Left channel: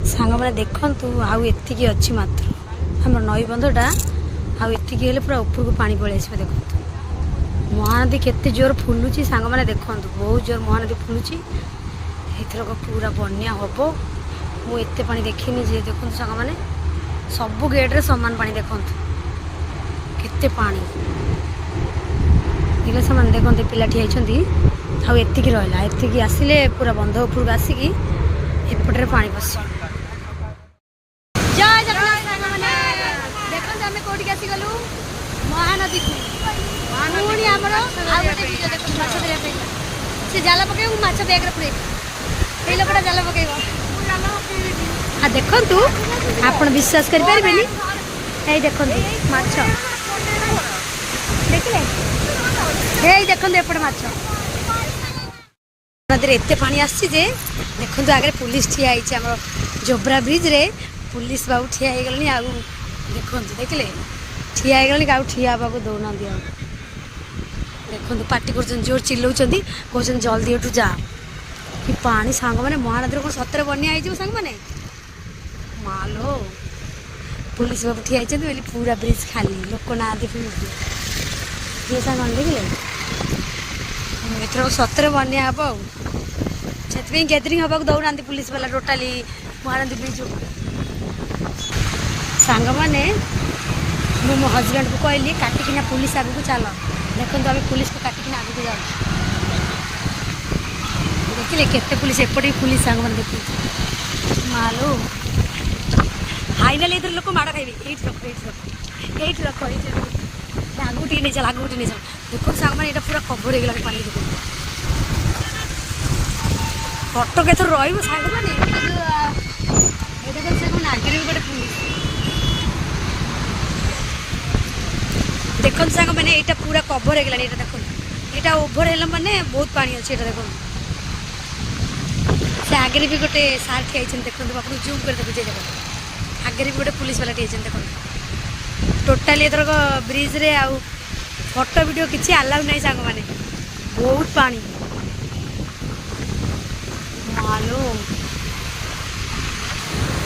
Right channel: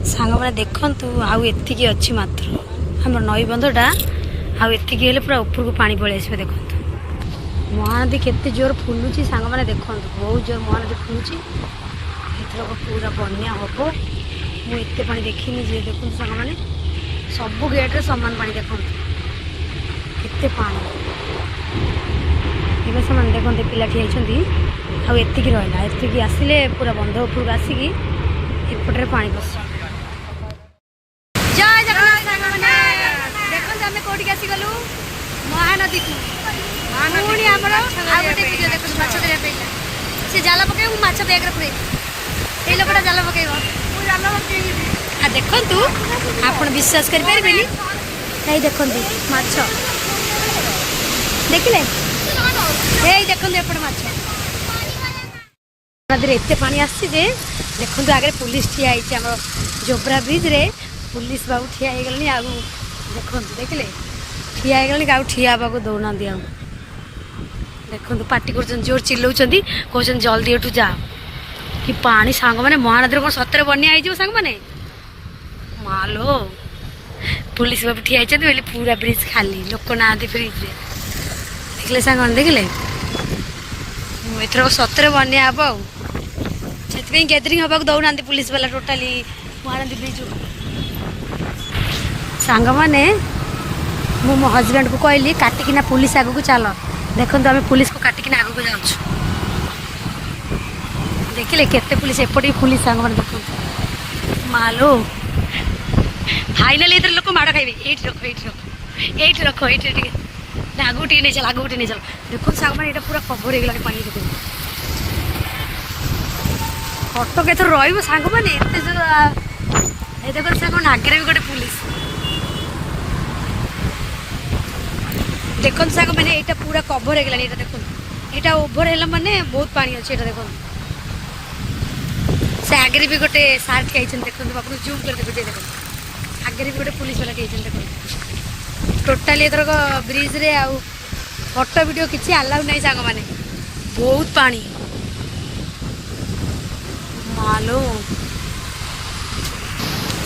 सांग मैंने देखु आउ एतिकी अच्छी मात्र आम नई बंधटा आउ एतिकी हेले पूरा ऊपर को पानी पलि आसबे। देखो महानदी केते जोर फुलुची सांग मैंने देखु बहुत जोर महानदी फुलुची। एथरक पूरा बन्या हम मुझे पानी देखनी जे देखो सांग मैंने सबू गेट्रे सामान पानी देखो केते पानी देखले से देखते पिला ठियाई आतिकी रहा एतिकी आसिले पूरा बंध उपरक आसिकी एपटे पानी पस कौटी आसीगलु महानदी को पुणी आमर आउ गोटे वीडियो देख माछ धरने से जाल पकड़ माछ बैग्रे पुरे ये लोकटा जाल पकड़ हाँ देखु आप विश्वास करें ये देखु माछ देखिले ये देखो एपटे माछ नदी एत पानी आसी देखो आगे पुलिस ठिया आम जोब्रा ब्रिज रे पुलिस बाबू ठिया हो गले आगू देखु देखिले ठिया हो ठिया हाँ दौना देखो पार्टी कर जोर चिल्लाऊँ कहते जल्दी एठू जाओ कि पानी सांग मैंने महानदी कौन सतरे बन्या हो सांग मैंने मालो पुलिस बाबू ठिया बोले पूरा ब्रिज खाली लोक ना ब्रिज देखले सांग देखिले एथर सतरे बन्या हम से गैदरिंग हाँ दौना पुलिस वाला टोटाली महानदी ब्रिज सांग मैंने मु मो हजबैंड को कहली काटिकिना पुलिस आगू को चल देखो आम पुलिस को काटिकिना आगू को जाऊँ देखिले केते पुलिस एपटे पुलिस सांग मैंने देखो मालो फाइनाल इधर लोक माड़ खाइबे ये रख ये रख ये आगू टे नहीं चल आगू टे नहीं चल देखो सांग मैंने ये पूरा कभर हो गला पानी देखो कटक एथर रही सांग मैंने देखो सांग आगे भी गोटे पुलिस देखो सांग मैंने यहाँ पूरा कभर हो गला देखो यहाँ ओभर है माने बहुत पानी अच्छे देखो से आगे भी गोटे सार ठिया देखो आप जूम कर देखो देखो आगे भी गोटे पुलिस वाला ठिया देखो टोटाली एथरक ब्रिज रे आउ फोटो वीडियो किसी अलाउ नहीं सांग मैंने बहुत पानी मालो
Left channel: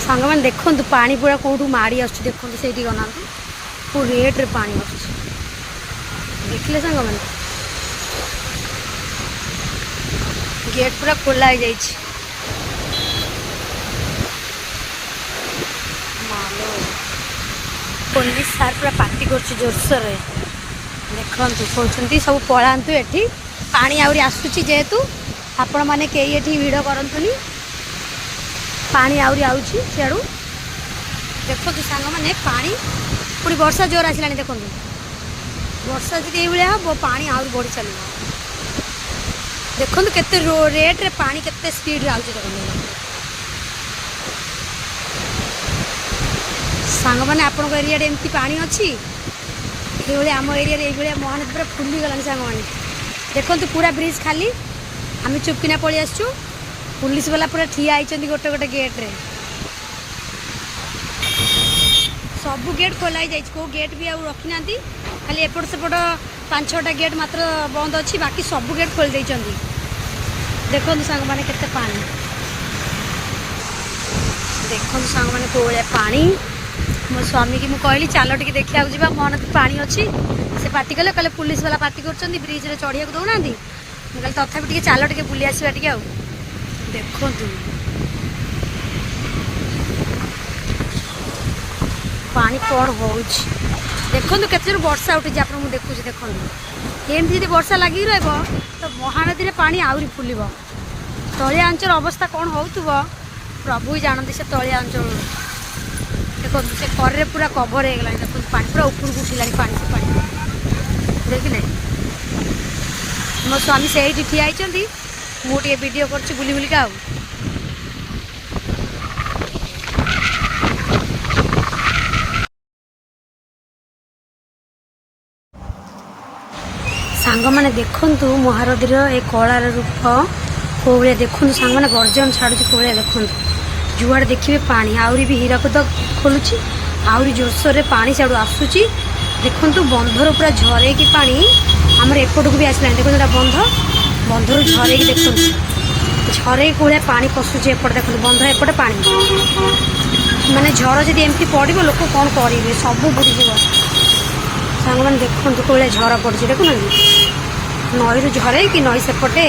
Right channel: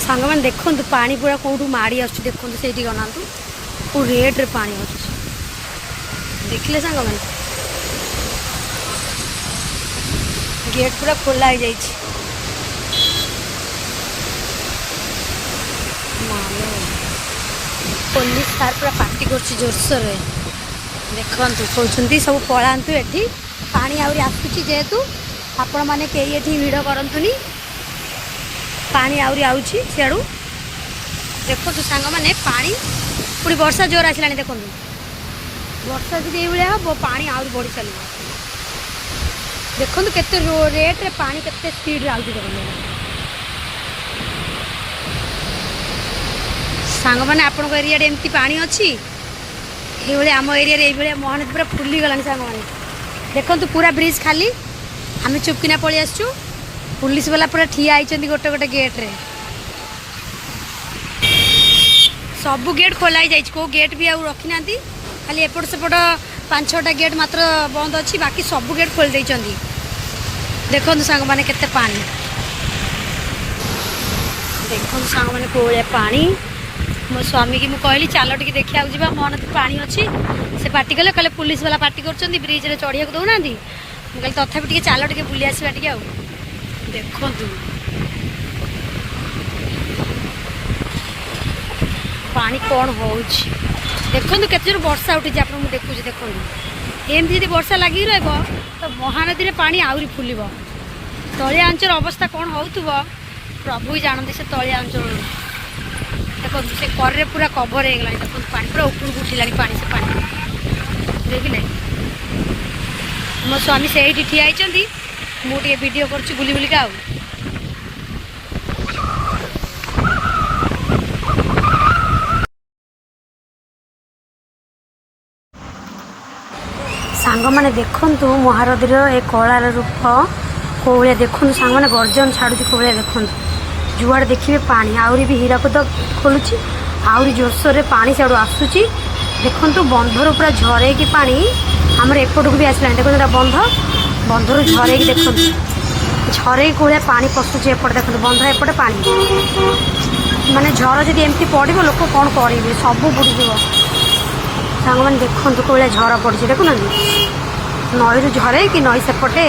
सांग मैंने देखो पानी पूरा कौटू माड़ी आस देखो से गना रेट रे पानी आस देखिले सांग मैंने गेट पूरा खोला हो जाए मालो पुलिस सार पूरा पार्टी कर जोरसोर देखु कहते सब पलांतु एठी पानी आहरी आसूची जेहेतु आपण मैंने कई एठी भिड़ करतुनी पानी आहरी आउची सियाड़ू देखो सांग मैंने पानी पुणी वर्षा जोर आसला देखो वर्षा जी ये हम पानी आहरी बढ़ी चलो देखो केते रेट रे पानी केते स्पीड आउची देखो सांग मैंने आपण एरिया एमती पानी अच्छी ये आम एरिया ये महानदी पूरा फुली गलानी सांग मैंने देखो पूरा ब्रिज खाली आम चुपकिना पलि आसचु पुलिस वाला पूरा ठिया होती गोटे गोटे गेट रे सबू गेट खोल कौ गेट भी आउ रखी ना खाली एपट सेपट 5-6टा गेट मात्र बंद अच्छी बाकी सबू गेट खोल देइचंदी देखो सांग मैंने केते पानी देखो सांग मैंने कोलिया पानी मो स्वामी की मुझे चल टे देखा जा महानदी पानी अच्छी से पार्टी कले कहले पुलिस वाला पार्टी कर ब्रिज रे चढ़िया दौना मुझे तथापि चल टे बुली आसवा टे देखु पानी कौन हो देखो केते जोर वर्षा उठी आप देखुचे देखो एमती जब वर्षा लगी रहा तो महानदी में पानी आहरी फुल तलिया अंचल अवस्था कौन हो प्रभु ही जानते से तलिया अंचल देखो से कर पूरा कभर हो गला देखो पानी पूरा ऊपर उठिला पानी से पानी देखिले मो स्वामी से ठिया मुझे वीडियो कर बुली बुलिका आउ सांग मैंने देखु महानदी ए कलार रूप कौ भाया देखु सांग मैंने गर्जन छाड़ू कौ भाया देखु जुआड़े देखिए पानी आहरी भी हीराकुद खोलुची आहरी जोरसोर पानी सियाड़ू आसूची देखु बंधर पूरा झरे कि पानी आमर एपट को भी आसला देखो बंध बंधर झरे कि देखो झरे कोलिया पानी पशुचे एपटे देखो बंध एपटे पानी माने झर जब एमती पड़ो लोक कौन करेंगे सब बुड़ीज सांग मैंने देखु कोलिया झर पड़ी देखुना नई रु झरे कि नई सेपटे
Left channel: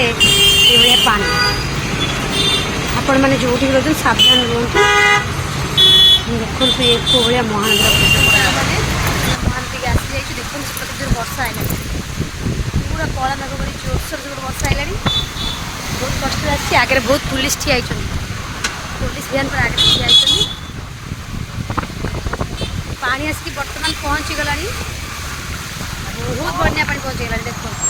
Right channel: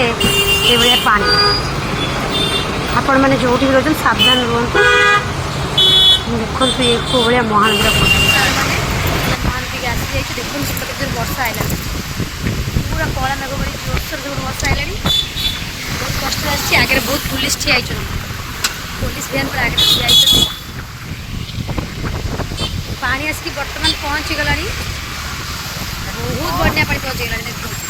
ये पानी आपण मैंने जो भी रोज सावधान रुहतु देखु ये कोलिया महानदी मैंने महानदी के आसी जाइए देखो सेपटे जोर वर्षा आईला पूरा कला मेघ बड़ी जोरसोर सब वर्षा आईला बहुत कष्ट आगे बहुत पुलिस ठिया पुलिस भैन पर आगे ठिया पानी आसिक बर्तमान पहुँची गला बहुत बन्या पानी पहुँची गला देखो